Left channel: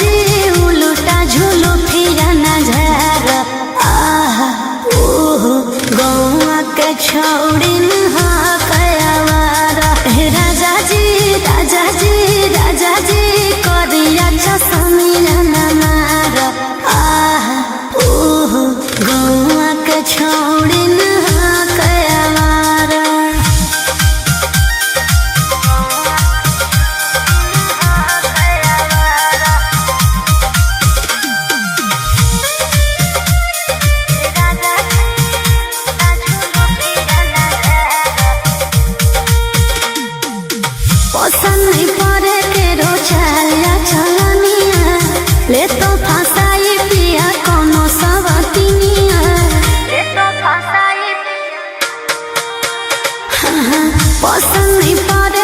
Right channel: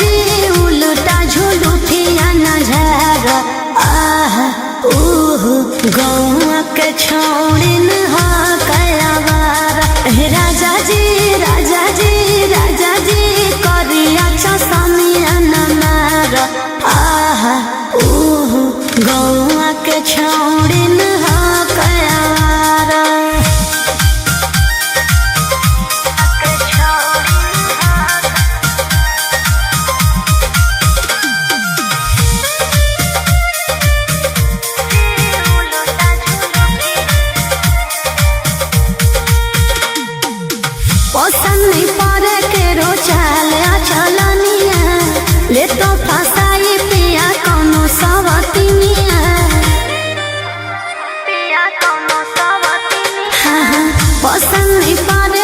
जी उलटा झूलू फिरा नजर आह ओह गौआ के छौड़े हो कयावारा राजा जी राजा जी राजा जी करिया चसमिया नार आह ओह गौआ के छौड़े हो कयावारा पसंद नहीं पड़े के रोचाया छलनिया ले तो फसाई पिया कोनो सवतिनिया पसंद नहीं पड़े